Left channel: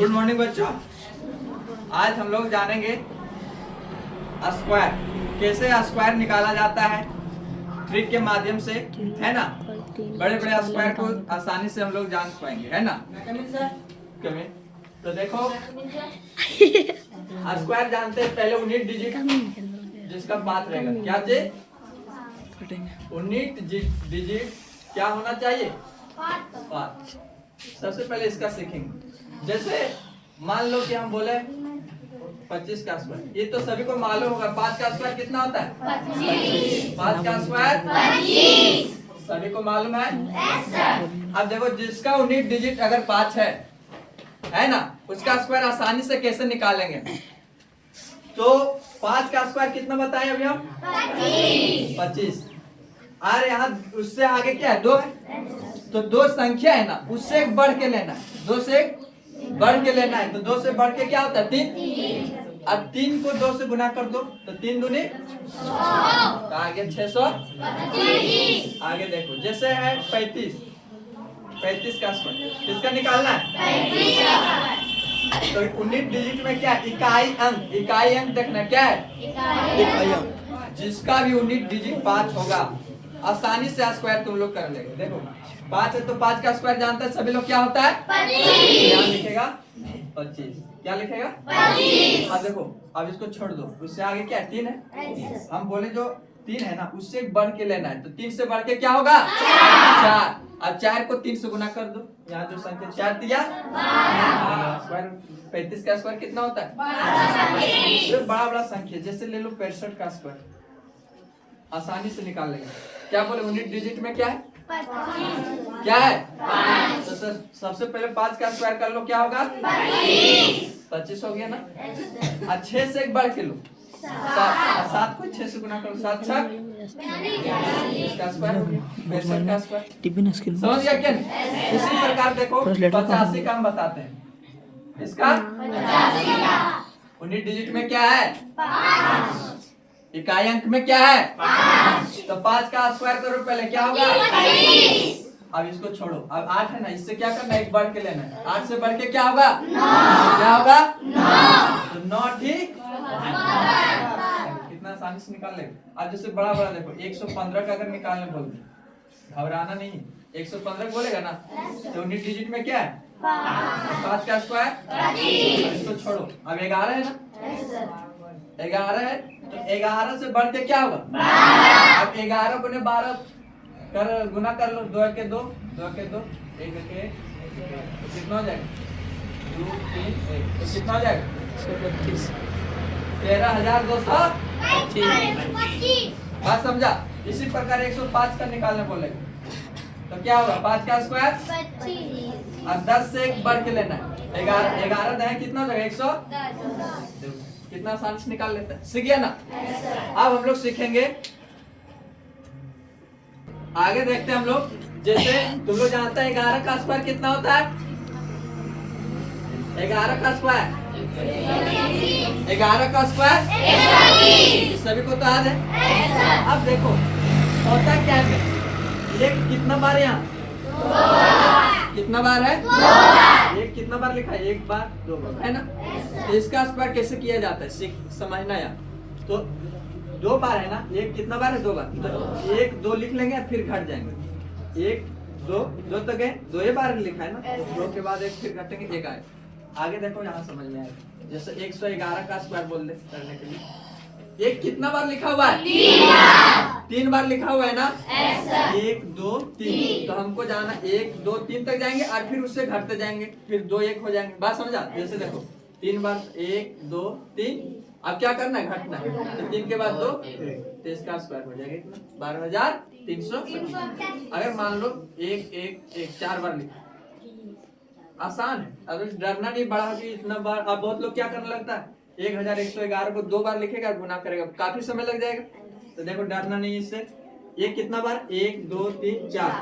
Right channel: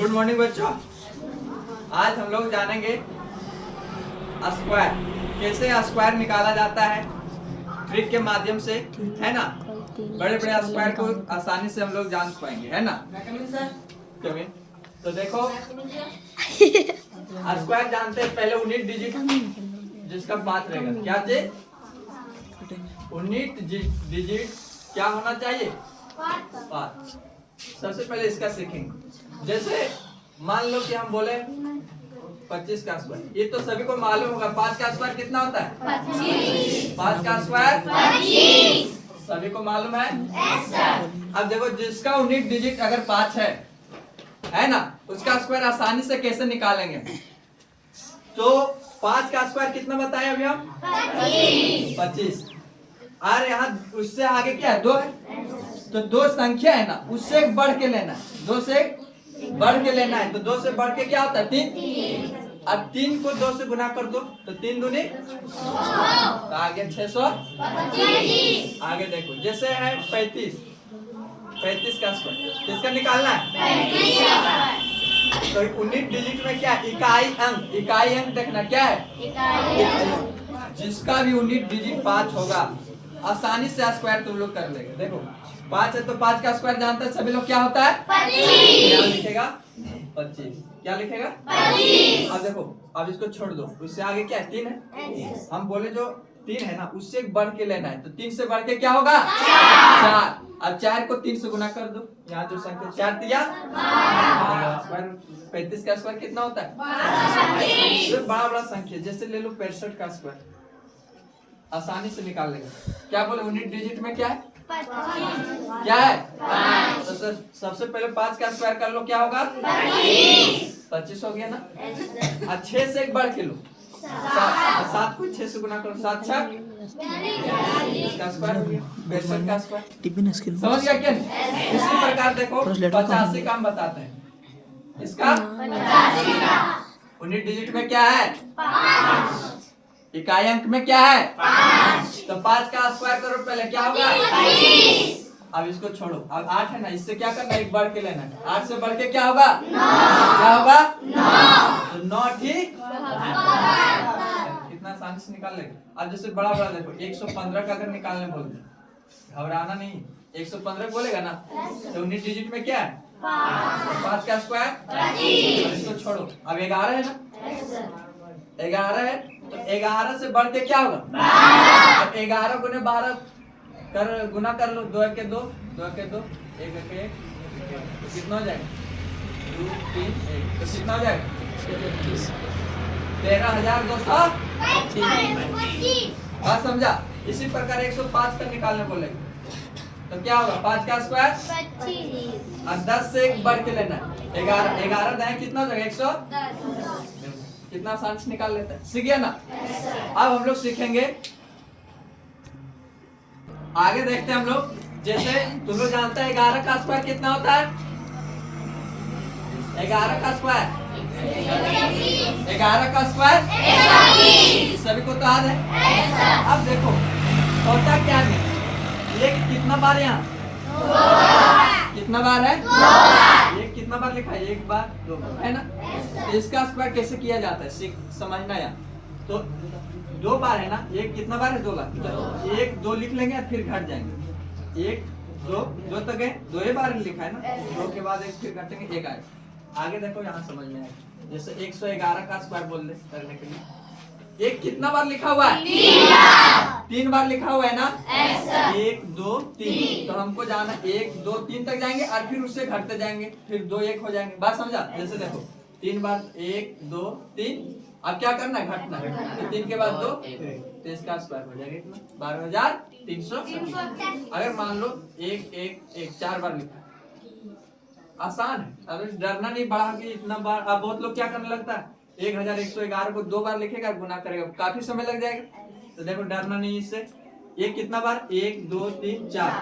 Good morning बच्चों। आज हम लोग जानेंगे स्क्वायर, कैसे स्क्वायर निकाला जाता है ट्रिक के माध्यम से, है ना। बड़े बड़े स्क्वायर को आसानी से हम लोग जान पाएंगे, है ना। कमी तो देखो, स्क्वायर जानते हैं पहले यूनिट डिजिट जिसका 5 रहेगा। क्या चीज? यूनिट डिजिट क्या होना चाहिए? 5। सबसे पहले इसका सीखेंगे। जैसे मान लो कि हम बोले 25 का स्क्वायर, ये तो सभी को मालूम होगा। 5 का स्क्वायर कितना होता है? 5 का स्क्वायर 25। सभी को मालूम है। अब देखो, जिसका यूनिट डिजिट अगर 5 है ना, उसका स्क्वायर आसानी से कैसे निकालेंगे? तो 5 का स्क्वायर कितना बताए अभी हम? 25। और यहाँ उससे आगे क्या है? 2 है। तो 2 संख्या है ना, उससे बढ़ के लेना है। 2 से बढ़ के लेना है। तो 2 से बढ़ के क्या होता है? 3। अब 3 को 2 से गुना कर दो तो 3 दूनी, तो आगे 625। आगे देखो, जैसे है 35 का स्क्वायर किसका निकालना है? तो यूनिट डिजिट में क्या? इकाई अंक देखना क्या है? जिसका भी यूनिट डिजिट 5 होगा आसानी से स्क्वायर तुम लोग कर लेंगे। देखो 5 है तो 5 का स्क्वायर जानते हैं सभी लोग, क्या होता है? 25। क्या लिखेगा? 25। क्या लिखेगा? 25। अब देखो, अब इसको छोड़ दो, उससे आगे क्या है? 3 है। हम बोले जो 3 है ना, उससे बढ़ के लेना है। तो 3 से बढ़ के क्या होगा? 4। अब 4 को 3 से गुना कर दो। यहाँ जो संख्या 4 दिया, स्क्वायर 35 का स्क्वायर कितना होता है? बड़ा बड़ा संख्या, जैसे ले लो 65 का स्क्वायर, आसानी से निकाल लेंगे। क्या बोले? यूनिट डिजिट में क्या है? 25। क्या है? 5। तो सबसे पहले 5 का स्क्वायर कर लो, क्या होगा? 25 हो गया ना। और 6 से एक बढ़ के लो, 7 को 6 से गुना करो, 7 छक इसका स्क्वायर हो गया 65 का स्क्वायर। समझ गया क्या? इसी प्रकार देखो 85 का हम बताते हैं। इसका यूनिट डिजिट में क्या है? 5। इकाई अंक में क्या है? 5। तो 5 का स्क्वायर करो पहले, क्या होगा? 25। अब इसको छोड़ो, अब 8 है ना, इससे क्या करना है? एक बढ़ के लेना है। 8 से बढ़ के क्या होगा? 9। क्या होगा? 9। तो 9 ठीक कितना आसानी से निकाल लेंगे। अब जैसे बड़ा बड़ा देखो, 115 का अगर निकालने बोल दे, घबराना नहीं। 115 बोलेगा ना, तो यूनिट डिजिट में क्या है? 5 का स्क्वायर 25। इसको छोड़ो, अब 11 है ना, 11 है तो 11 से बढ़ के क्या होगा? 12। अब 11 गुने 12 कर गुना कर लो, 2 के 2, 2 के 2, 1 के 1, तो कितना हो जाएगा? 2 3 1, तो कितना हो जाएगा? 13,225। बात समझा? इसी प्रकार 105 का निकालने बोलेगा तो क्या होगा? 5 का स्क्वायर 25। और 10 से एक बढ़ के लेना है। 11 दें कितना हो जाएगा? 110। कितना आसान से निकाल लेता है। सीख गया ना? अब हम लोग सीखेंगे आगे, देखते हैं हम लोग। जैसे तुम लोग जानते हैं 11 का स्क्वायर कितना होता है? 11 का स्क्वायर 11 का स्क्वायर सभी को तो याद है। अब देखो होता क्या है, ये कितना बार यहाँ कितना बार है? 2 बार। ये कितना बार लिखा है? 1 बार 2 बार, है ना। तो इसका स्क्वायर कैसे किया जाता है समझना यार। तो 2 बार है ना, एक कितना बार है? 2 बार। तो 1 2 लिख लेंगे, फिर घट जाएंगे। 1 2 2 तक गए, 2 ही बार लिखा है ना। 2 के बाद 1 फिर घटेंगे, 1 आए। आगे देखो, यहाँ समझ में आएगा। जैसे 111 का स्क्वायर बोल दे करने के लिए, 1 कितना बार लिखा हुआ है? 3 बार लिखा हुआ है ना। 1 2 3, तो हमको जाना 1 2 3 तक जाएंगे और फिर उससे घटते जाएंगे, फिर 2 1 हो जाएंगे। बात समझा? जैसे देखो 3 बार 1 2 3, अब क्या करना है? घटना है। तो 3 के बाद 2, तो इसका स्क्वायर हो जाएगा इतना 12,300। अगर मान लो 1 1 1 4 बार लिखा, आसान है। अब डरना नहीं बढ़ा कि इतना बार। अब बहुत लोग क्या करने लगता है, 1111 को 2 बार लिखेगा, गुना करेगा, काफी समय लग जाएगा। तो देखो डरना नहीं इससे। ये कितना बार? 1 2 3 4।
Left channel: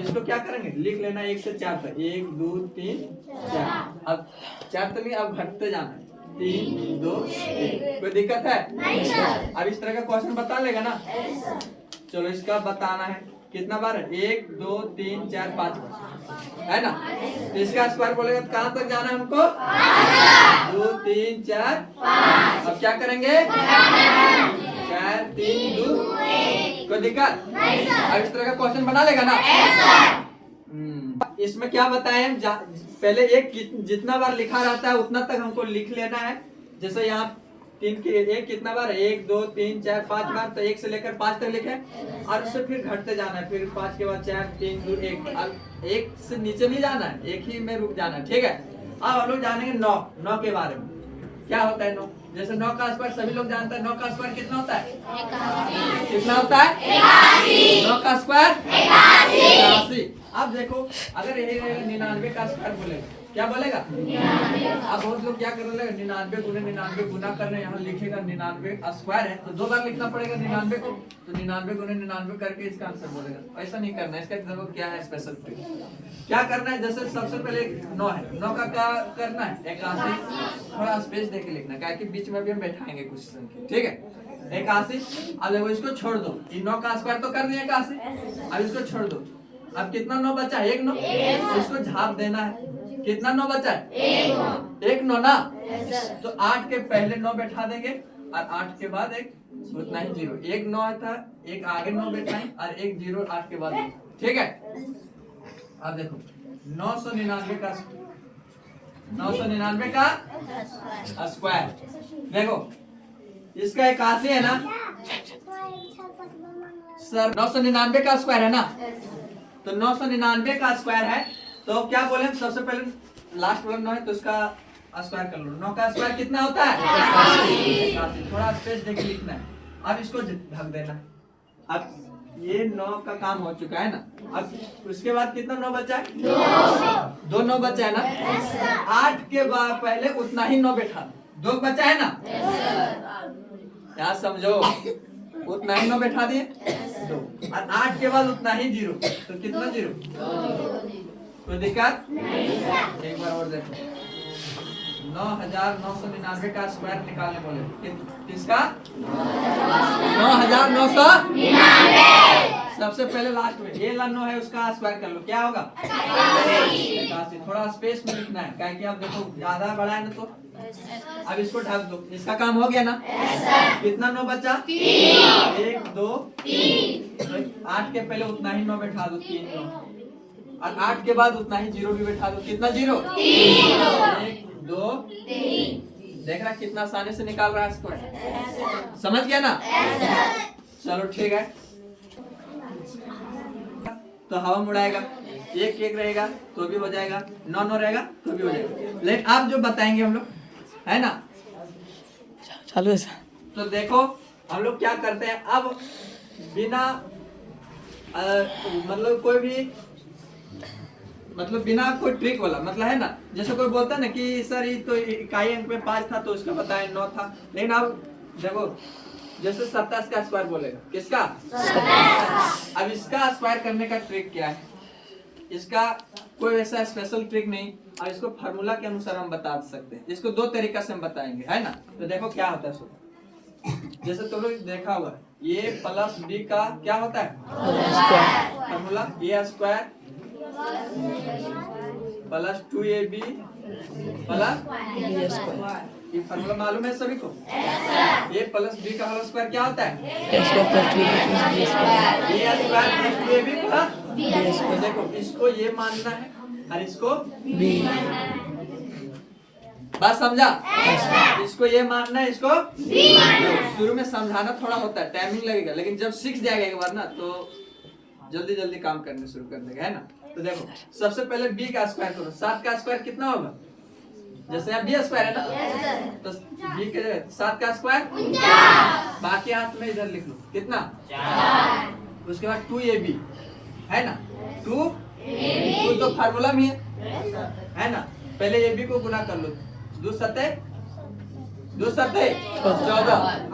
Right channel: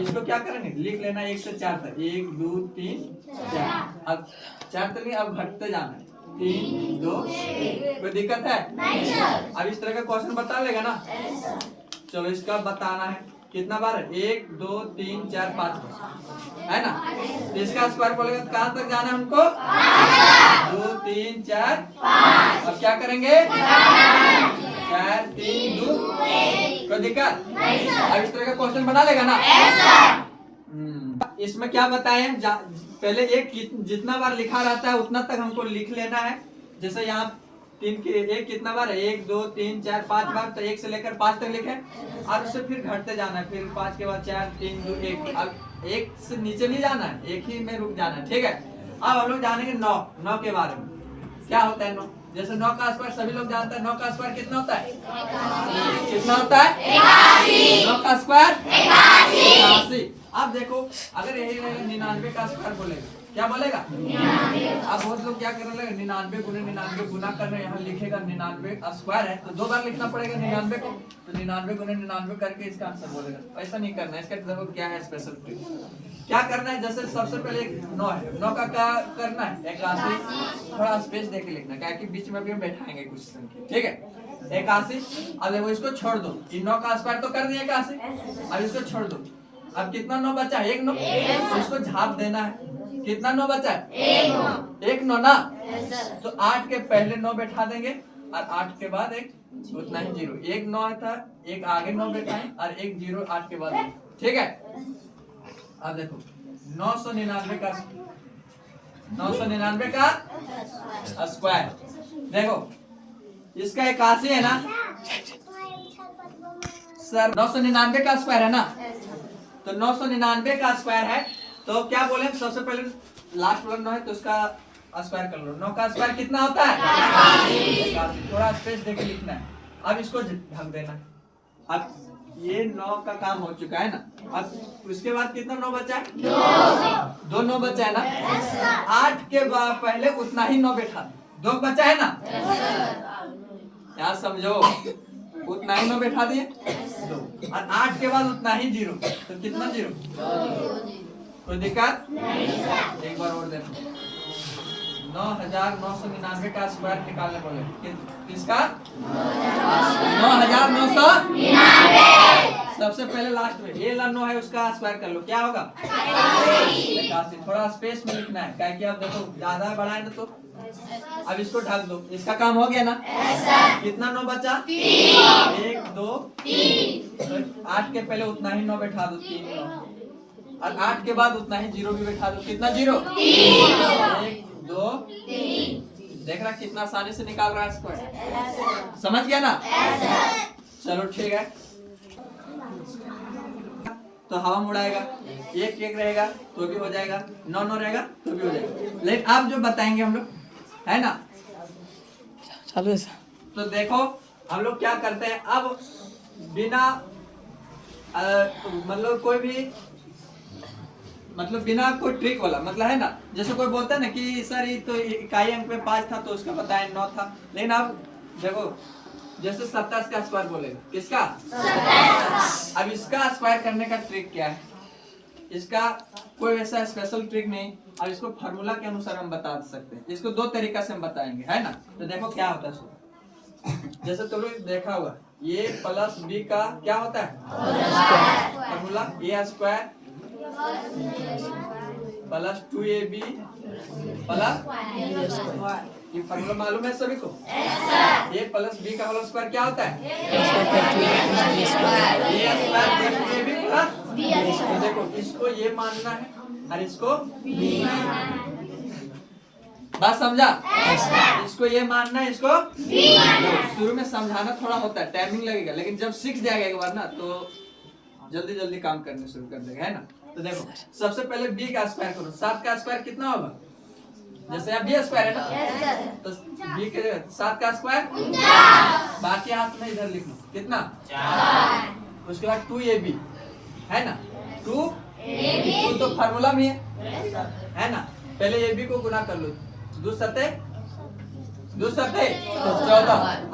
इसको क्या करेंगे? लिख लेना 1 से 4 तक, 1 2 3 4। अब 4 तक नहीं, अब घटते जाना, 3 2 1। कोई दिक्कत है? नहीं सर। अब इस तरह का क्वेश्चन बता लेगा ना। चलो इसका बताना है। कितना बार है? 1 2 3 4 5 बार है ना। तो इसका स्क्वायर बोलेगा तो कहाँ तक जाना है हमको? 2 3 4 5। अब क्या करेंगे? 4 3 2 कोई दिक्कत? अब इस तरह का क्वेश्चन बना लेगा ना। इसमें क्या बताए हम, पहले एक जितना बार लिखा रहता है उतना तक हमको लिख लेना है। जैसे यहाँ 3 के एक कितना बार है? 1 2 3 4 5 बार, तो 1 से लेकर 5 तक लिखे और उससे फिर घटते जाना है। फिर 5 के बाद 4 3 2 1। अब 1 से नीचे नहीं जाना है, एक ही में रुक जाना है, ठीक है। अब हम लोग जानेंगे 9 के बारे में। क्या होता है 9? जैसे 9 का स्क्वायर सभी लोग जानते हैं। 9 का स्क्वायर कितना होता है? कितना होता है? 9 का स्क्वायर 81। अब देखो अगर यही 99 का स्क्वायर बोलेगा, क्या बोलेगा? अब बहुत लोग क्या करेंगे, 99 गुने 99 गुना कर रहे हैं, यहाँ लिखेगा 99 स्क्वायर है तो 2 बार लिखना पड़ेगा 99 को, तो 99 गुने 99 करके इसका आंसर बोलेगा। ऐसा नहीं करना है। इसका देखो क्या है स्पेशल ट्रिक, क्या करना है। जैसे सबसे पहले 9 है, 9 का क्या करना है? 81। थोड़ा स्पेस देके लिखना है, क्या कि बीच में भी हम बैठाएंगे कुछ संख्या, ठीक है। 81। अब देखो इसको छोड़ दो, 9 का स्क्वायर तो कर दिया 81। अब इसको छोड़ दो, अब कितना 9 बचा है? 1 9। इसको झाप देना है। कितना 9 बचा है? 1 9 ना। तो 8 के पहले 9 बैठा देंगे और 8 के बाद एक उतना ही 0। 1 9 था, एक आगे 9 बैठाएं और एक 0 8 के बाद, ठीक है। अब देखो 999 का स्क्वायर, देखो इसका 81 है ना सर। 999 का स्क्वायर है ना, तो 999 का स्क्वायर है तो क्या बोले, सबसे पहले लास्ट वाला 9 है तो उसका स्क्वायर कर लो। 9 का स्क्वायर कितना होता है? 81। थोड़ा स्पेस देके लिखना है। अब इसको ढक देना है। अब ये 9 का काम हो चुका है ना। अब उसके बाद कितना 9 बचा है? 2 9 बचा है ना। 8 के बाद पहले उतना ही 9 बैठा, 2 बचा है ना। यहाँ समझो, उतना ही 9 बैठा दिए 2 और 8 के बाद उतना ही 0, तो कितना 0? कोई दिक्कत? एक बार और देखो, 9999 का स्क्वायर निकालने बोले, किसका? 9999। सबसे पहले लास्ट में ये 9 है उसका स्क्वायर कर लो, क्या होगा? 81। थोड़ा स्पेस में लिखना है, क्या कि अब देखो ज्यादा बड़ा है ना, तो अब इसको ढक दो। इसका काम हो गया ना। कितना 9 बचा? 1 2 3। 8 के पहले उतना ही 9 बैठा दो, 3 9 और 8 के बाद उतना ही 0 भी बैठा दो। कितना 0? 1 2 3। देख रहा कितना आसानी से निकाल रहा है स्क्वायर, समझ गया ना। चलो ठीक है। तो हवा मुड़ाएगा, 1 1 रहेगा तो भी हो जाएगा, 9 9 रहेगा तो भी हो जाएगा। लेकिन आप जो बताएंगे हम लोग, है ना, चालू है। तो देखो हम लोग क्या करते हैं अब, बिना मतलब कोई भी मतलब बिना कोई ट्रिक वाला, मतलब है ना, जैसे कोई बोलता है ना कि सर ये तो इकाई अंक में 5 था तो उसका बताएं 9 था। लेकिन अब देखो जैसे 27 का स्क्वायर बोलेगा, किसका? 27। अब इसका स्क्वायर करने का ट्रिक क्या है? इसका कोई ऐसा स्पेशल ट्रिक नहीं, और इसको फार्मूला के अनुसार हम बता सकते हैं। इसको 2 तरीका से हम बताएंगे, है ना। तो देखो क्या होता है सो, जैसे तुम लोग देखा हुआ ये प्लस बी का क्या होता है फार्मूला? ए स्क्वायर प्लस 2ab प्लस, ये फार्मूला मालूम है सभी को? ये प्लस बी का होल स्क्वायर क्या होता है? ए स्क्वायर प्लस 2ab प्लस। देखो इसको ये मानना है और इसको बी, बात समझा? इसको ये मानना है, इसको शुरू में समझाना थोड़ा होता है, टाइमिंग लगेगा, लेकिन जब सीख जाएगा एक बार ना तो जल्दी जल्दी काम करने शुरू कर देगा, है ना। तो देखो सबसे पहले b का स्क्वायर करो। 7 का स्क्वायर कितना होगा? जैसे यहाँ b स्क्वायर है ना, तो b के 7 का स्क्वायर, बाकी हाथ में इधर लिख लो कितना 4। उसके बाद 2ab है ना, 2 तो फार्मूला में है ना। पहले ab को गुना कर लो, 2 सत्ते 14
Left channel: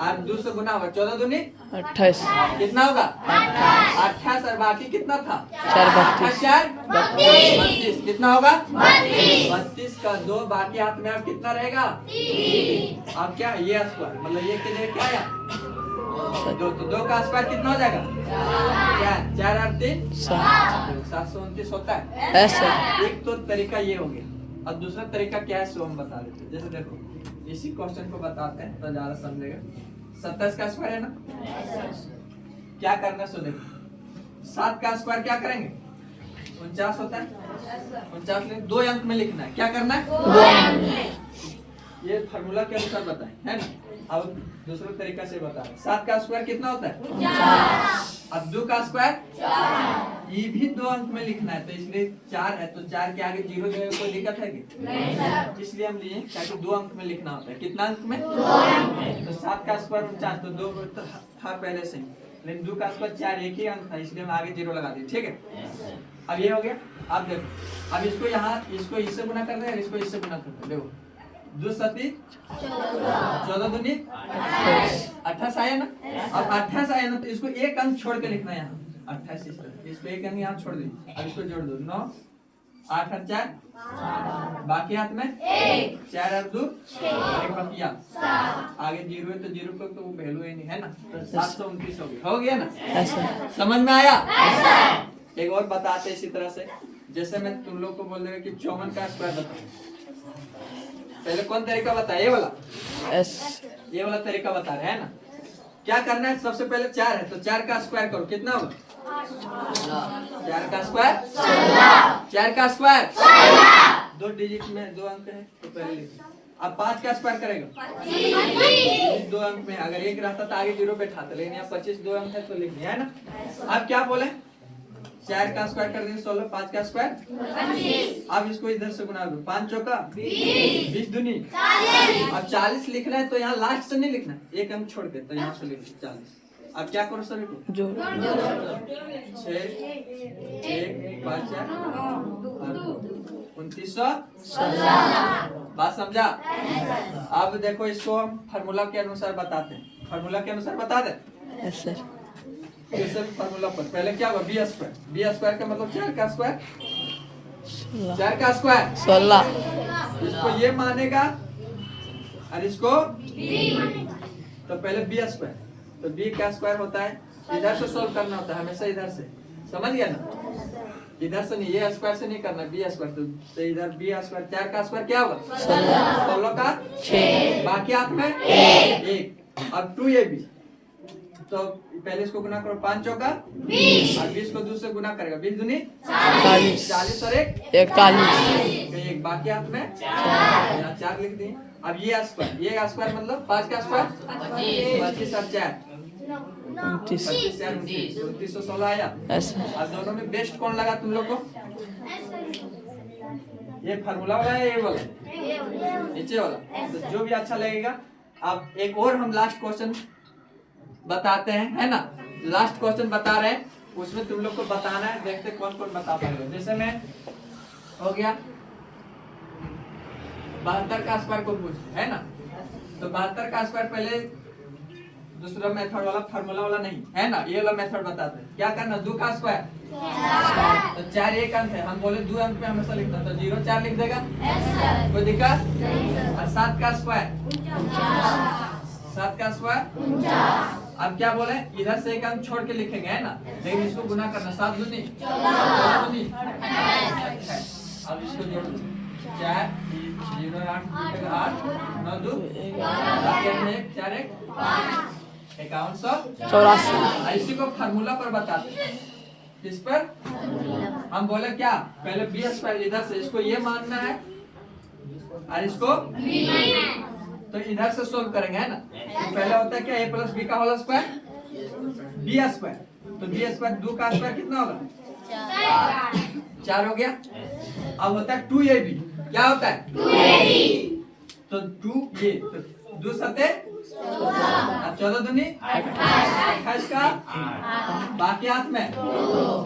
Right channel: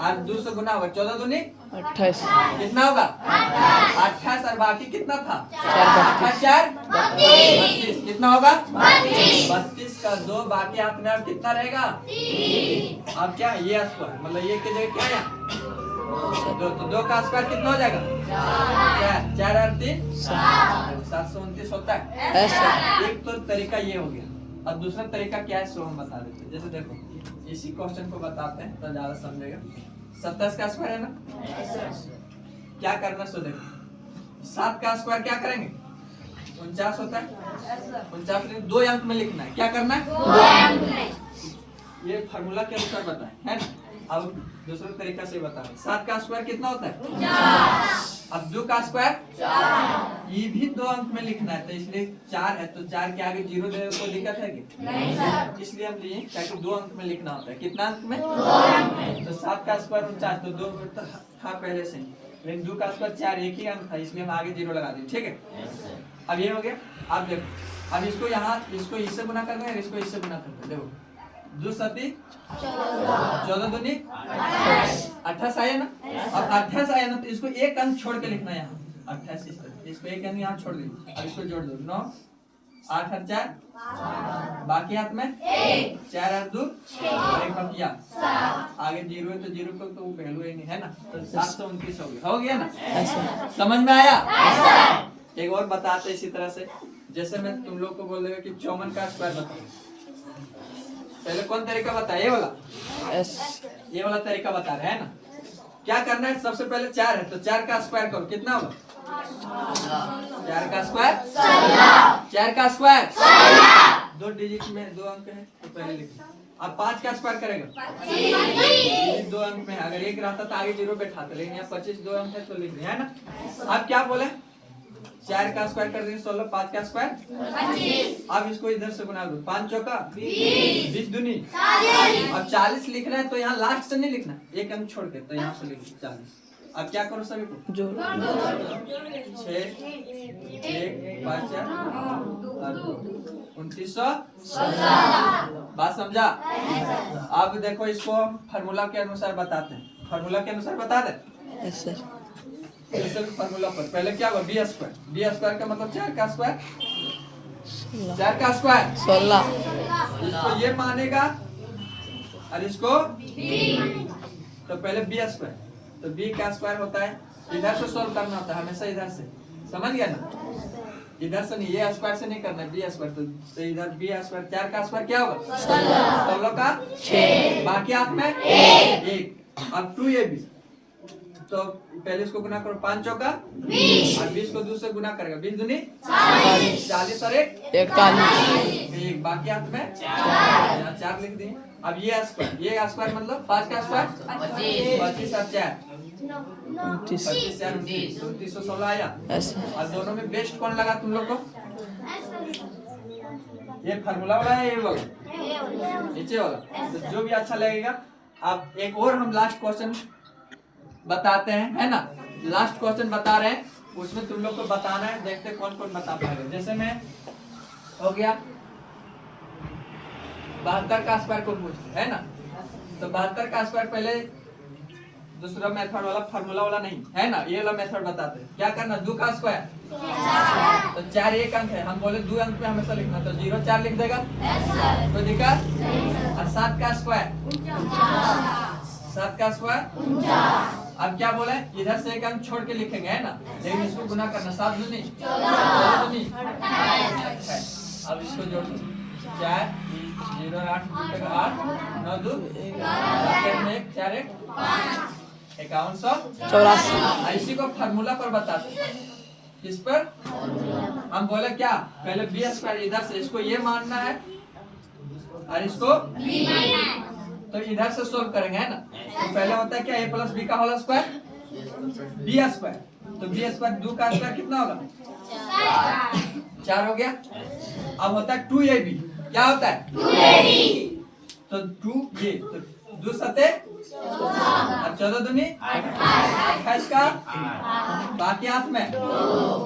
और 2 से गुना होगा, 14 दूनी 28। कितना होगा? 28 और बाकी कितना था? 4 32। कितना होगा? 32 का 2 बाकी हाथ में अब कितना रहेगा? अब क्या ये स्क्वायर, मतलब ये के लिए क्या है दो, तो 2 का स्क्वायर कितना हो जाएगा? 4, 4 और 3 729 होता है। Yes sir. एक तो तरीका ये हो गया। अब दूसरा तरीका क्या है सो हम बता देते हैं। जैसे देखो इसी क्वेश्चन को बताते हैं तो ज्यादा समझेगा। 27 का स्क्वायर है ना, क्या करना सो देखो 7 का स्क्वायर क्या करेंगे? 49 होता है। 49 2 अंक में लिखना है। क्या करना है? ये फार्मूला के अनुसार बताएं, है ना। अब दूसरे तरीका से बता रहे। 7 का स्क्वायर कितना होता है? अब 2 का स्क्वायर ये भी 2 अंक में लिखना है, तो इसलिए 4 है तो 4 के आगे 0 देने कोई दिक्कत है क्या? इसलिए हम लिए ताकि 2 अंक में लिखना होता है। कितना अंक में? 2 अंक में। तो 7 का स्क्वायर 49 तो 2 था पहले से ही, लेकिन 2 का स्क्वायर 4 एक ही अंक था इसलिए हम आगे 0 लगा दिए। ठीक है, अब ये हो गया। अब देखो अब इसको यहाँ इसको इससे गुना करना है, इसको इससे गुना करना है। देखो 2 सती 14 दूनी 28 आया ना। अब 28 आया ना तो इसको एक अंक छोड़ के लिखना है यहाँ 28। इसको एक अंक यहाँ छोड़ दीजिए। अब इसको जोड़ दो 9 8 और 4 बाकी हाथ में 4 और 2 और एक बाकी आगे 0 है तो 0 का तो वैल्यू ही नहीं है ना, तो 729 हो गया ना। समझ में आया? एक और बताते इसी तरह से। जैसे मैं तुम लोग को बोल देगा कि 54 का स्क्वायर बताओ। पहले कौन तरीका बताया? ये वाला। यस। ये वाला तरीका बता रहे हैं ना। क्या करना है? सबसे पहले 4 है तो 4 का स्क्वायर करो। कितना होगा? 4 का स्क्वायर 4 का स्क्वायर 2 डिजिट में 2 अंक है तो पहले लिखो। अब 5 का स्क्वायर करेगा 2 अंक में। अगर 1 रहता तो आगे 0 बैठाते, लेकिन यहाँ 25 2 अंक है तो लिख दिया है ना। अब क्या बोले? 4 का स्क्वायर कर देंगे 16, 5 का स्क्वायर 25। अब इसको इधर से गुना दो 5 चौका 20 दूनी 40। अब 40 लिखना है तो यहाँ लास्ट से नहीं लिखना, एक अंक छोड़ के, तो यहाँ से लिख 40। अब क्या करो सभी को? जो 6 1 5 4 2900 बात समझा? अब देखो इसको फार्मूला के अनुसार बताते हैं। फार्मूला के अनुसार बता दे। Yes sir. फार्मूला पर पहले क्या होगा? बी स्क्वायर का मतलब 4 का स्क्वायर 4 का स्क्वायर 16। इसको ये मानेगा और इसको तो पहले बी स्क्वायर, तो बी का स्क्वायर होता है इधर से सोल्व करना होता है हमेशा, इधर से। समझ गया ना? इधर से नहीं, ये स्क्वायर से नहीं करना, बी स्क्वायर। तो इधर बी स्क्वायर 4 का स्क्वायर क्या होगा? 16 का 6 बाकी हाथ में 1। अब 2ab तो पहले इसको गुना करो 5 चौका 20 और 20 को 2 से गुना करेगा 20 दूनी 40 और 1 41। एक बाकी हाथ में 4 लिख दिए। अब ये स्क्वायर मतलब 5 का स्क्वायर 25 और 4 29 2916 आया। अब दोनों में बेस्ट कौन लगा तुम लोग को? ये फार्मूला वाला है ये वाला नीचे वाला, तो जो भी अच्छा लगेगा। अब एक और हम लास्ट क्वेश्चन बताते हैं, है ना। लास्ट क्वेश्चन बता रहे हैं, उसमें तुम लोग को बताना है, देखते कौन कौन बता पाएगा। जैसे मैं हो गया 72 का स्क्वायर को पूछ, है ना। तो 72 का स्क्वायर पहले दूसरा मेथड वाला फार्मूला वाला नहीं, है ना, ये वाला मेथड बताते हैं। क्या करना? 2 का स्क्वायर तो 4 एक अंक है, हम बोले 2 अंक में हमेशा लिखना, तो 0 4 लिख देगा, कोई दिक्कत? और 7 का स्क्वायर 7 का स्क्वायर अब क्या बोले? इधर से एक अंक छोड़ के लिखेंगे, है ना, लेकिन इसको गुना करना 7 दूनी 14 दूनी 28। अब इसको जोड़ दो 4 0 8 8 9 2 1 4 1 5184। इसी को फार्मूला पर बताते हैं। किस पर? हम बोले क्या? पहले बी स्क्वायर इधर से इसको ये मानना है और इसको तो इधर से सोल्व करेंगे, है ना। तो पहले होता है क्या? a प्लस बी का होल स्क्वायर बी स्क्वायर, तो बी स्क्वायर 2 का स्क्वायर कितना होगा? 4 हो गया। अब होता है 2ab, क्या होता है? 2ab तो 2 ये तो 2 सते 14 दूनी 28 का बाकी हाथ में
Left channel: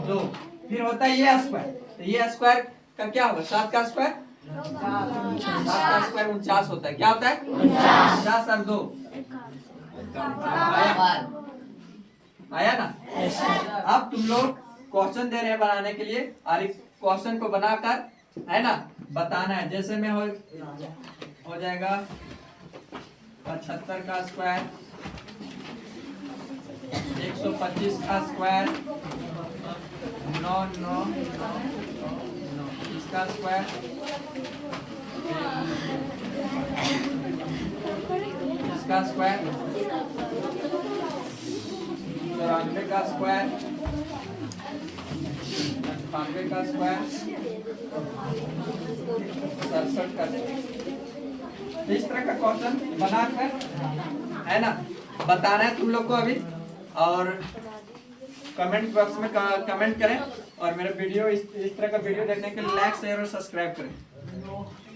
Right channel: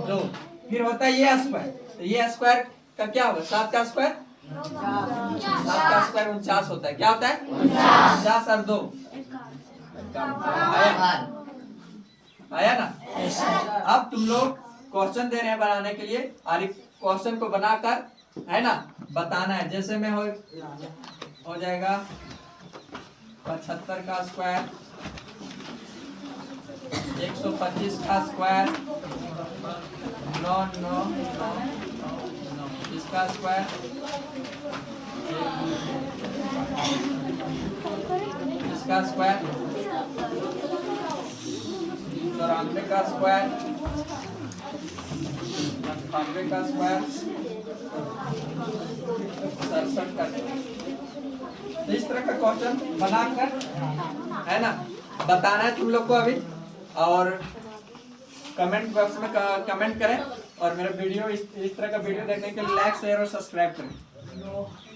2। फिर होता है ये स्क्वायर, तो ये स्क्वायर का क्या होगा? 7 का स्क्वायर 7 का स्क्वायर 49 होता है। क्या होता है? 50 और 2 आया ना। अब तुम लोग क्वेश्चन दे रहे हैं बनाने के लिए, और क्वेश्चन को बनाकर, है ना, बताना है। जैसे में हो जाएगा 75 का स्क्वायर 125 का स्क्वायर, 9 9 9 9 9, इसका स्क्वायर, इसका स्क्वायर, 94 का स्क्वायर, 98 का स्क्वायर, 67 का स्क्वायर। इस तरह का क्वेश्चन बनाकर है ना बताना है तुम लोग को अभी, और कमेंट बॉक्स में कमेंट करें, और मेरा वीडियो इस तरह का वीडियो देखने के लिए लाइक शेयर और सब्सक्राइब करें।